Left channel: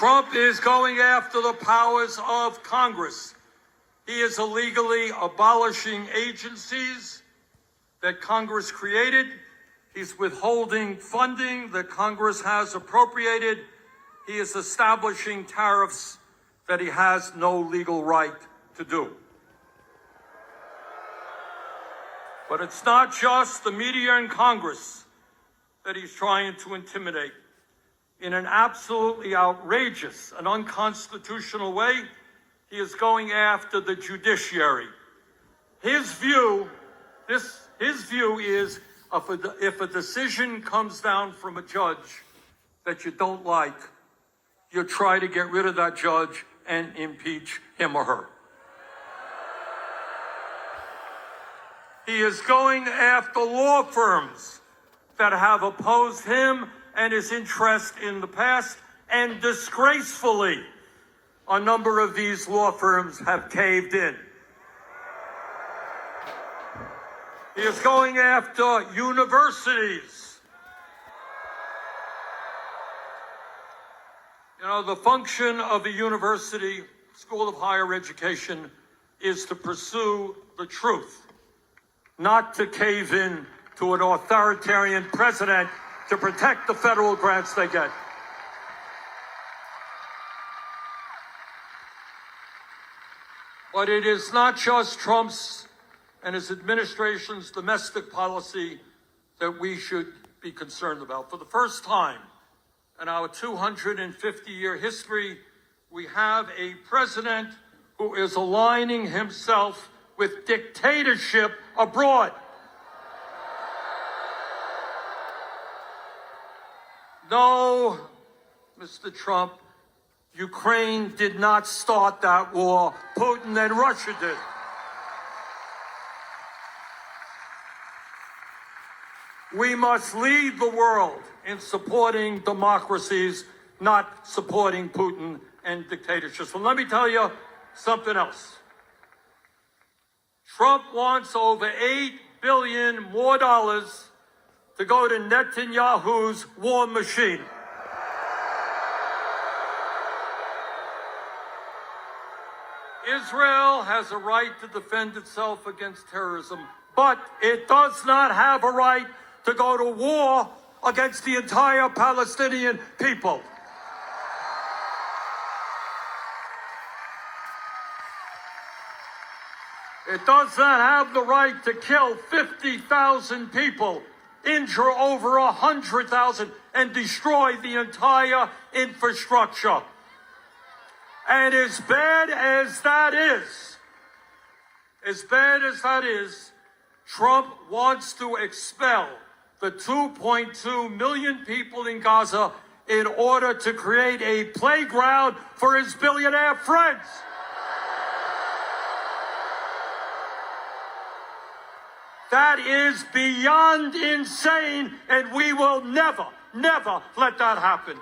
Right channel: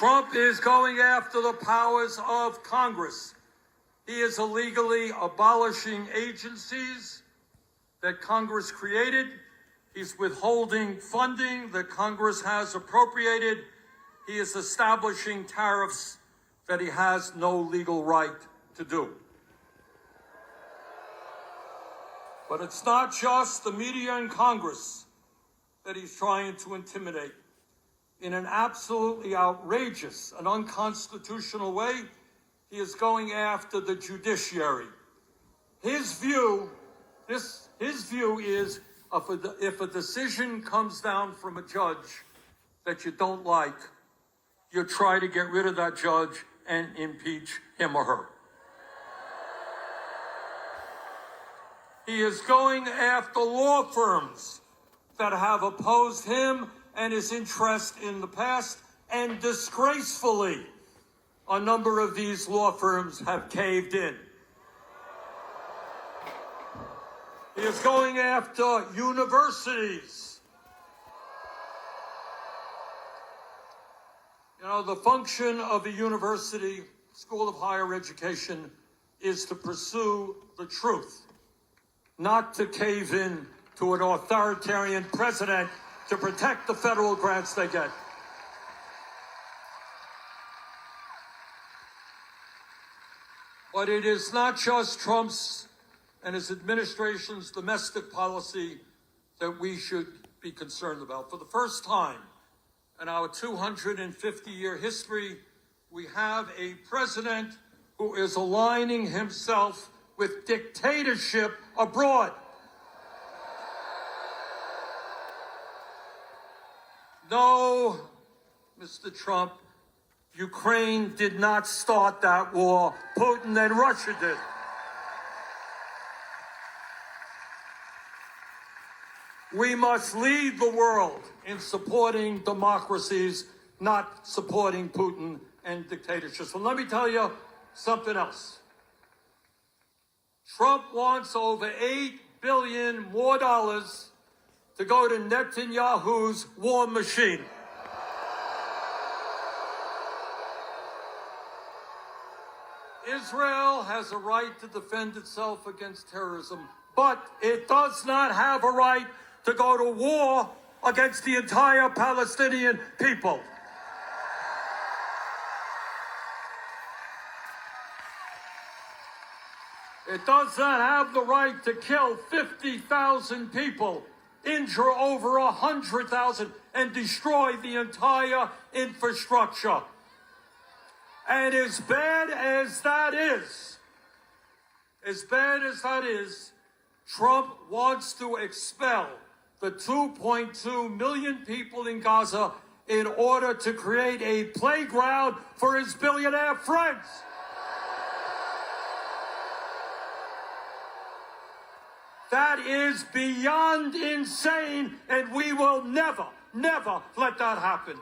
Trump is going after the powers of Congress. He is illegally abolishing agencies that Congress created. He's withholding funding that Congress has appropriated. He is establishing tariffs that he has no legal right to do. But it's not just the media and Congress that he's trying to intimidate. In an absolutely outrageous and unconstitutional way, he is going after the judiciary. His view is if a decision comes down from a judge that you don't like, you try to get rid of that judge and impeach him or her. He is going after law firms that have opposed him and his interest in the past, and disgracefully, a number of these law firms have caved in. He is going after universities. You know, the function of a university, school of higher education, is to pursue the truth, not to cave in to an authoritarian president to protect the federal grants they get. But it is not just Trump's and his administration's domestic policy that we should be concerned about. For the first time in our 250-year history, we have a president who is aligning himself with dictatorship abroad. No, Mr. Trump, Ukraine did not start that war. Putin and Russia did. We must lead the world in supporting democracies, not supporting Putin and dictatorship. So let me tell you something else. Trump wants over $8 billion more to go to Netanyahu's war machine. Israel has a right to defend itself against terrorism, but it does not have a right to go to war against the entire Palestinian people. It does not have the right to kill 50,000 people, injure over 100,000, and destroy the entire infrastructure. And as bad as that is, Trump wants to expel the 2.2 million people in Gaza in order to create a playground for his billionaire friends. That is beyond insane, and we will never, never let that happen.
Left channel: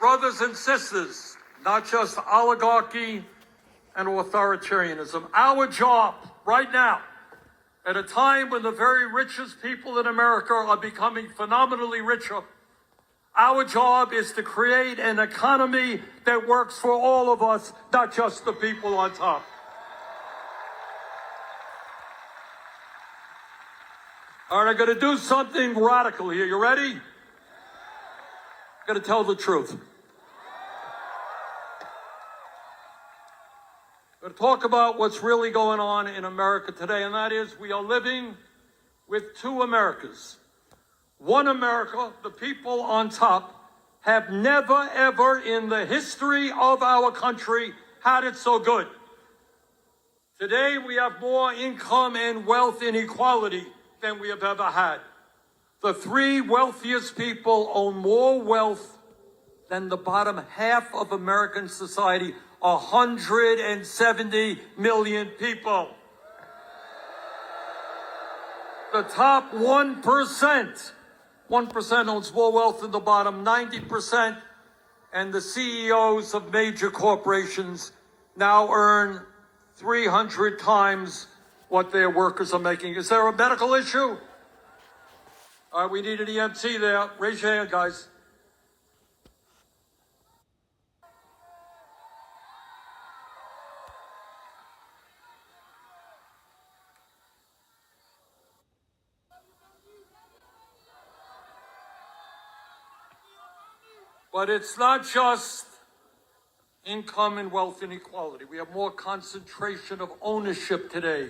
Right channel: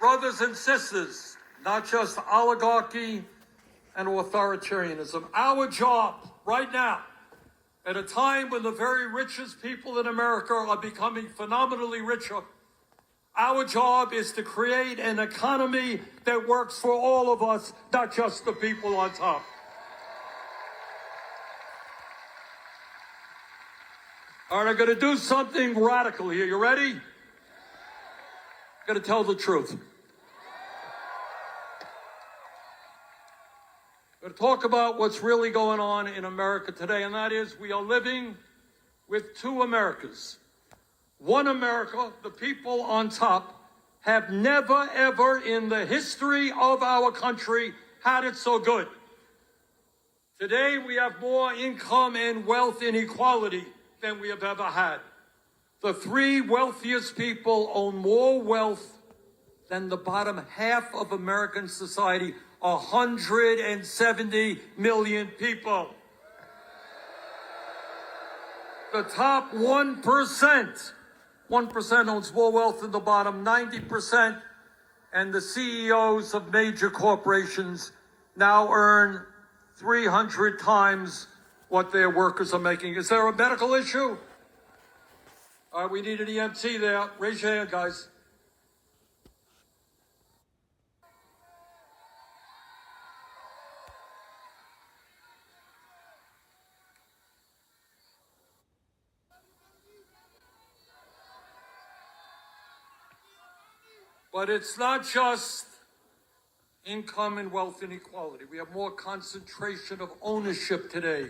Brothers and sisters, not just oligarchy and authoritarianism. Our job right now, at a time when the very richest people in America are becoming phenomenally richer, our job is to create an economy that works for all of us, not just the people on top. All right, I'm going to do something radical here. You ready? I'm going to tell the truth. I'm going to talk about what's really going on in America today, and that is we are living with two Americas. One America, the people on top, have never, ever in the history of our country had it so good. Today, we have more income and wealth inequality than we have ever had. The three wealthiest people own more wealth than the bottom half of American society, 170 million people. The top 1%. 1% owns more wealth than the bottom 90%, and the CEOs of major corporations now earn 300 times what their workers are making. Is there a medical issue? We need an EMT there. Raise your hand, guys. But it's not just income and wealth inequality. We have more concentration of ownership today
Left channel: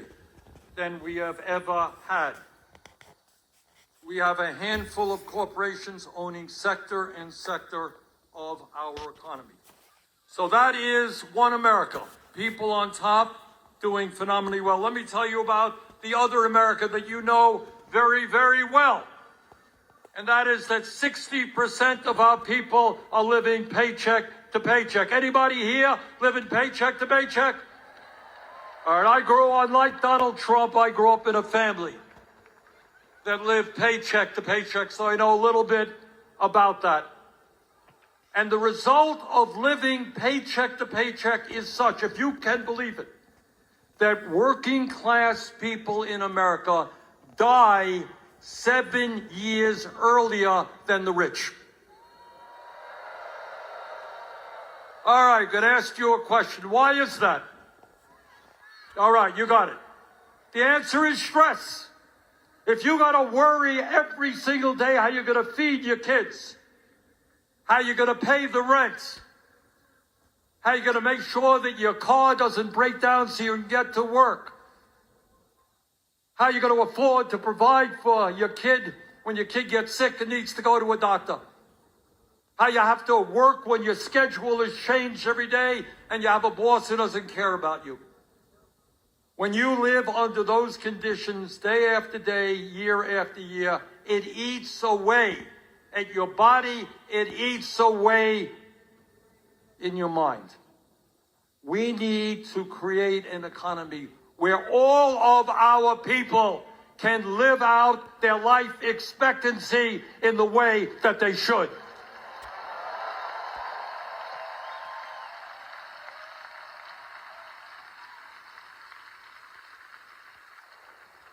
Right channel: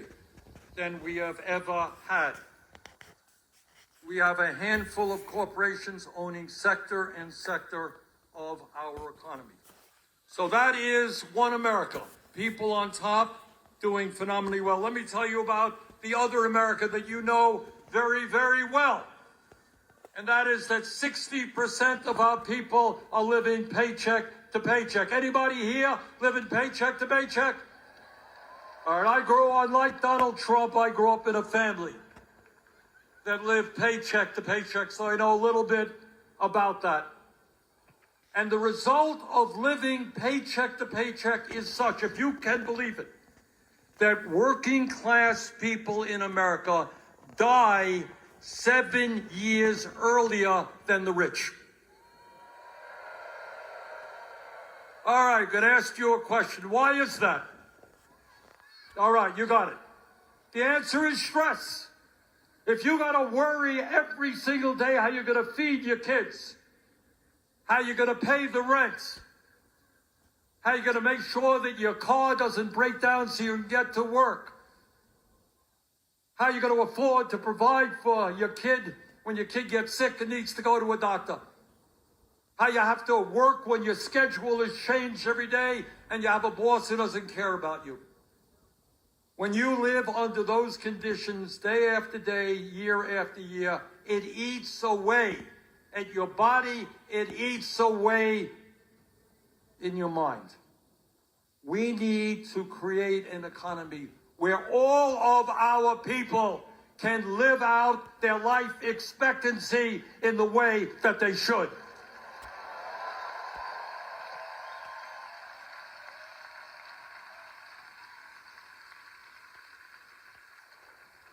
than we have ever had. We have a handful of corporations owning sector and sector of our economy. So that is one America. People on top doing phenomenally well. Let me tell you about the other America that you know very, very well. And that is that 60% of our people are living paycheck to paycheck. Anybody here living paycheck to paycheck? All right, I grew on, like Donald Trump, I grew up in a family that lived paycheck to paycheck, so I know a little bit about that. And the result of living paycheck to paycheck is such, if you can believe it, that working class people in America die 7 years earlier than the rich. All right, going to ask you a question. Why is that? All right, you got it. The answer is stress. If you got to worry every single day how you're going to feed your kids, how you're going to pay the rent, how you're going to make sure that your car doesn't break down so you can get to work, how you're going to afford to provide for your kid when your kid gets sick and needs to go to a doctor, how you have to work when your schedule is changed every day and you have a boss who doesn't care about you. When you live under those conditions day after day, year after year, it eats away at your body, it eats away in your mind. We need to create an economy where all of our people can live out their life expectancy in the way that they should.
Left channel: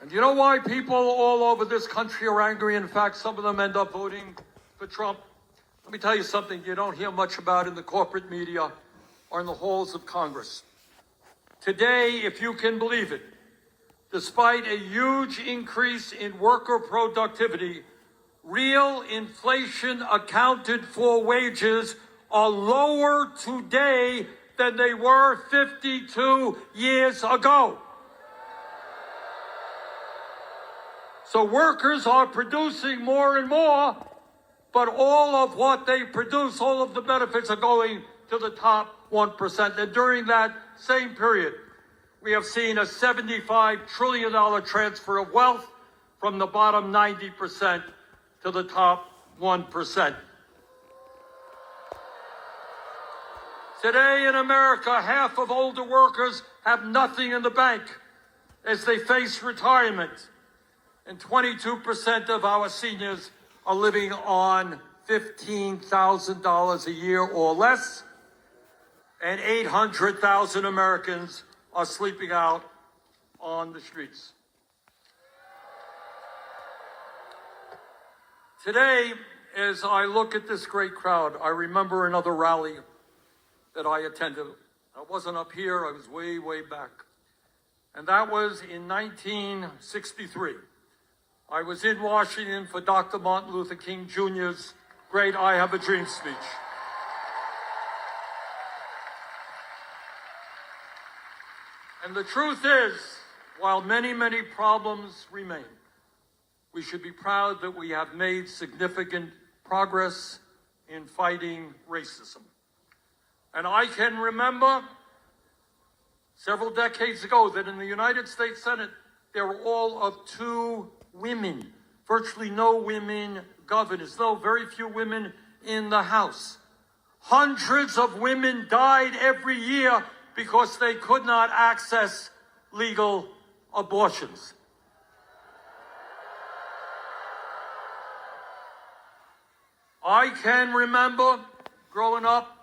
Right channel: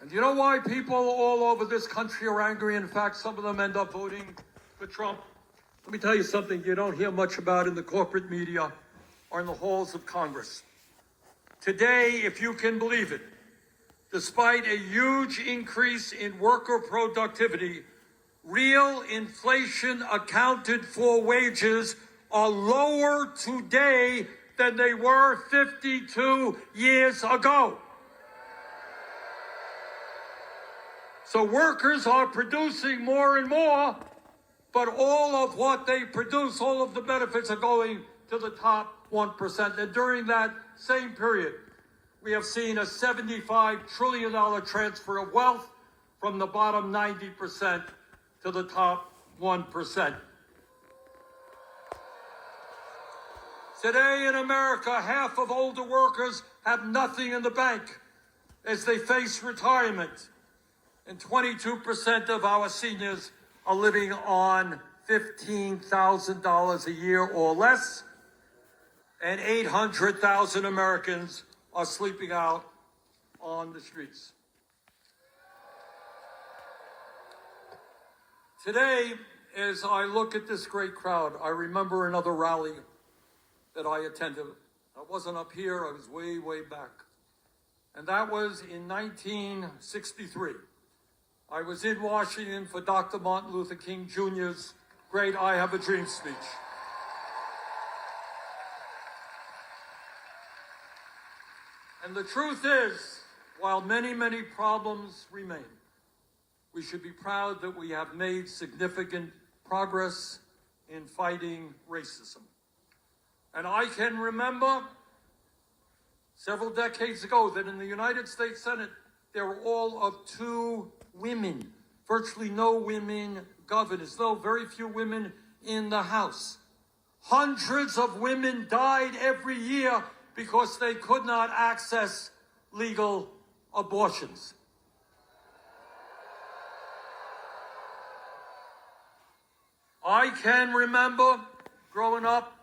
And you know why people all over this country are angry? In fact, some of them end up voting for Trump. Let me tell you something you don't hear much about in the corporate media or in the halls of Congress. Today, if you can believe it, despite a huge increase in worker productivity, real inflation accounted for wages are lower today than they were 52 years ago. So workers are producing more and more, but all of what they produce, all of the benefits are going to the top 1%. And during that same period, we have seen a $75 trillion transfer of wealth from the bottom 90% to the top 1%. Today in America, half of older workers have nothing in the bank as they face retirement. And 22% of our seniors are living on $15,000 a year or less. And 800,000 Americans are sleeping out on the streets. Today, as I look at this great crowd, I remember another rally that I attended. I wasn't up here, I was way, way back. And that was in 1963. I was in Washington for Dr. Martin Luther King Jr.'s great I Have a Dream speech. And the truth is, while many, many problems remain, we should be proud that we have made significant progress in fighting racism. And I can remember several decades ago that in the United States Senate, there were all of 2 women, virtually no women governors, though very few women in the House. Hundreds of women died every year because they could not access legal abortions. I can remember growing up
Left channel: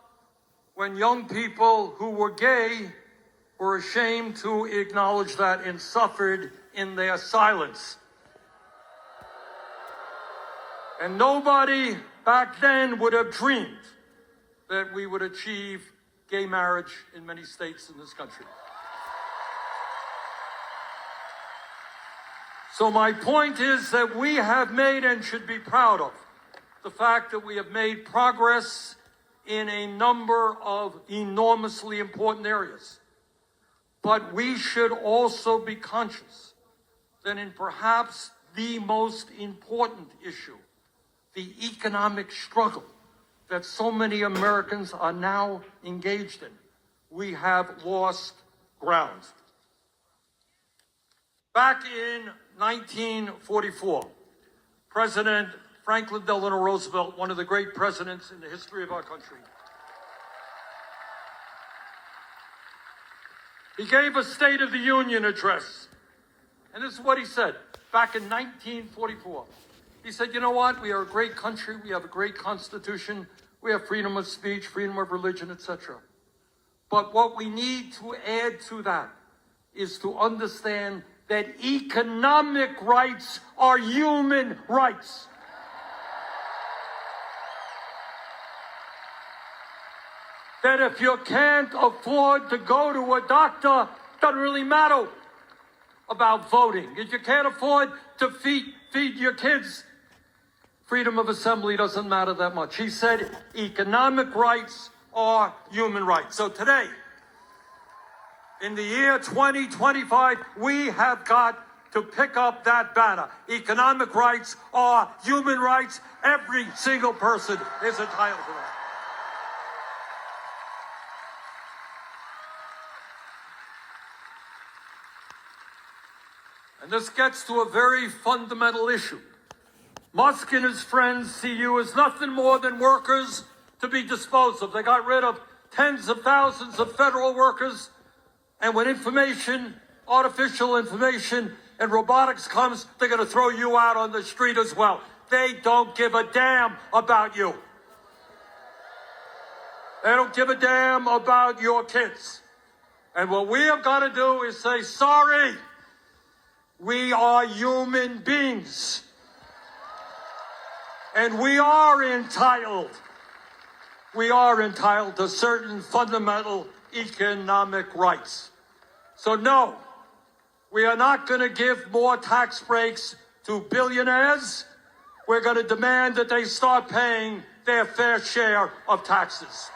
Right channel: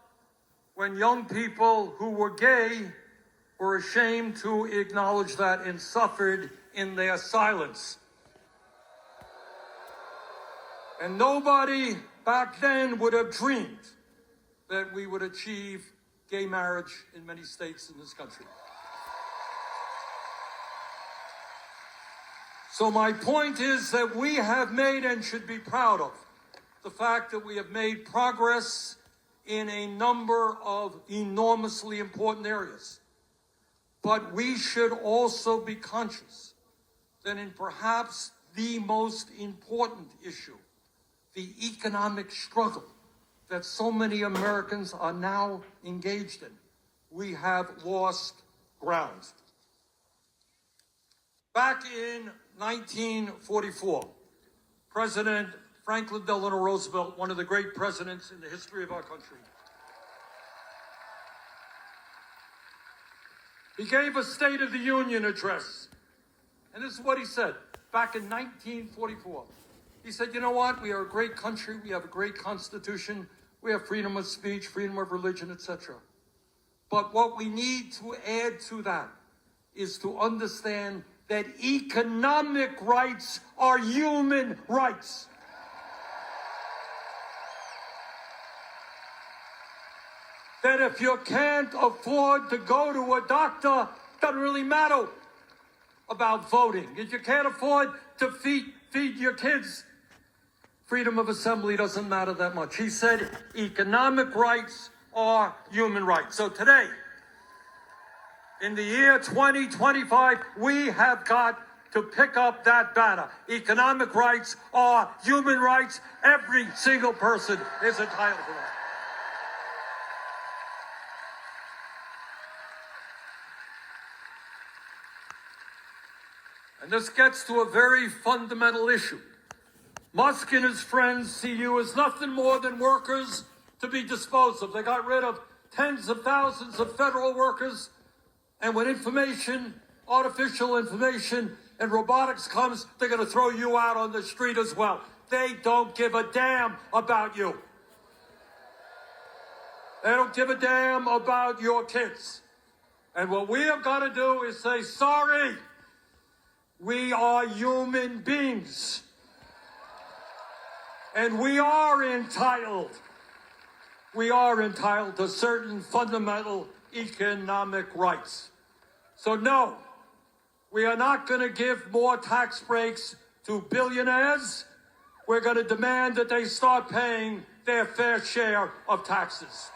when young people who were gay were ashamed to acknowledge that and suffered in their silence. And nobody back then would have dreamed that we would achieve gay marriage in many states in this country. So my point is that we have made, and should be proud of, the fact that we have made progress in a number of enormously important areas. But we should also be conscious that in perhaps the most important issue, the economic struggle that so many Americans are now engaged in, we have lost ground. Back in 1944, President Franklin Delano Roosevelt, one of the great presidents in the history of our country, he gave a State of the Union address. And this is what he said back in 1944. He said, you know what? We are a great country. We have a great constitution. We have freedom of speech, freedom of religion, etc. But what we need to add to that is to understand that economic rights are human rights. That if you can't afford to go to a doctor, doesn't really matter about voting. If you can't afford to feed your kids, freedom of assembly doesn't matter that much. He said economic rights are human rights. So today, in the year 2025, we have got to pick up that banner. Economic rights are human rights. Every single person is entitled to that. And this gets to a very fundamental issue. Musk and his friends see you as nothing more than workers to be disposed of. They got rid of tens of thousands of federal workers. And when information, artificial information, and robotics comes, they're going to throw you out on the street as well. They don't give a damn about you. They don't give a damn about your kids. And what we have got to do is say, sorry, we are human beings. And we are entitled to certain fundamental economic rights. So no, we are not going to give more tax breaks to billionaires. We're going to demand that they start paying their fair share of taxes.